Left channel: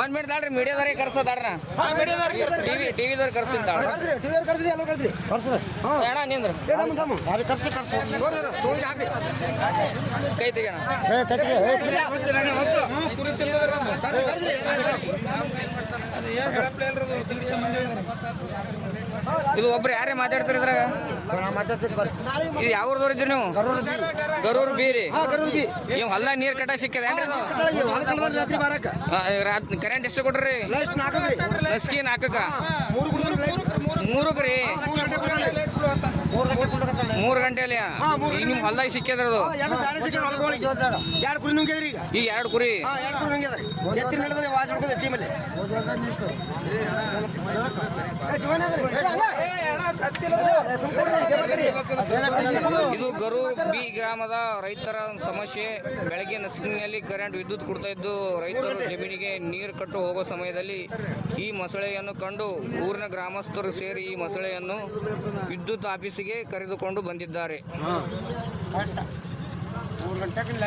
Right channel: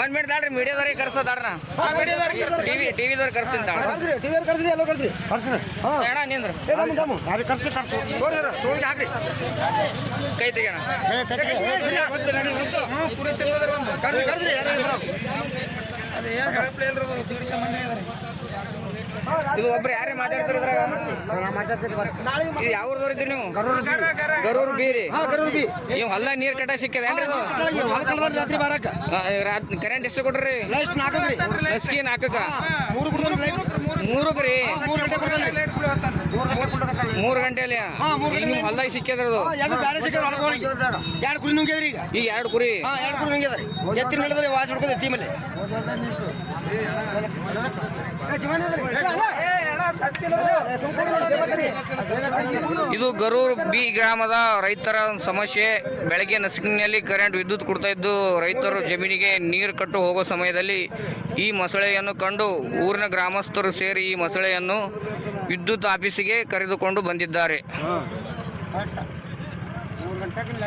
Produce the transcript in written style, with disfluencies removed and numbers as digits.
ಒಂದ್ ಮಿನಿಟ್ ತಾಳ್ರಿ, ಮೀಡಿಯಾದವ್ರಿಗೆ ಕರ್ಸೋದಾಡ್ರ ಟಿವಿದವ್ರಿಗೆ ಕರ್ಸ್ತೀನಿ ಬೇಡ ನಿಂದ್ರ ಕೈ ತೆಗೋಣ. ಇದು ಒಬ್ರು ಯಾರೇ ಮಾತಾಡ್ತೀರಿ ಇದ್ರಾಗ? ಈಗ ಯಾವ್ರದವ್ರು ಇದ್ರಿ ನೀವು? ಗರೂರ್ ಬೀರಿ. ನೀವು ಹೊಲ್ದಾಗ ನೀರ್ ಕಟ್ಟ ಸಿಕ್ಕದೇನ್ರಿ? ಕರೆಂಟ್ ಎಷ್ಟು ಕೊಟ್ರಿ? ಲಸ್ಕಿ ನಾಲ್ಕಕ್ಕ 3 ರೀ. 3 ಗಂಟೆಯಲ್ಲಿ ಈಗ ನಿಮ್ ಹೊಲ್ದಾಗ ಸಿಕ್ಕದ್ರದು ಈಗ 2 ಕುರಿ. ಇದು ಗರೂರ್ ಬಿ ಗ್ರಾಮದ ರೈತರ ಸಮಸ್ಯೆ. ಬೆಳಗ್ಗೆ ನಸುಕಿನಲ್ಲಿ ಕರೆಂಟ್ ವಿದ್ಯುತ್ ಕೊಡ್ತಾ ಇದ್ದು ರೈತರು ಜಮೀನಿಗೆ ನೀರು ಕಟ್ಟು ಹೋಗೋ ಸಮಯದಲ್ಲಿ ಈ ಮೊಸಳೆಯನ್ನು ಕಂಡು ಊರಿನ ಗ್ರಾಮಸ್ಥರು ಸೇರಿ ಈ ಮೊಸಳೆಯನ್ನು ವಿದ್ಯುತ್ ಆಫೀಸಿಗೆ ಕರೆದುಕೊಂಡು ಬಂದಿದ್ದಾರೆ.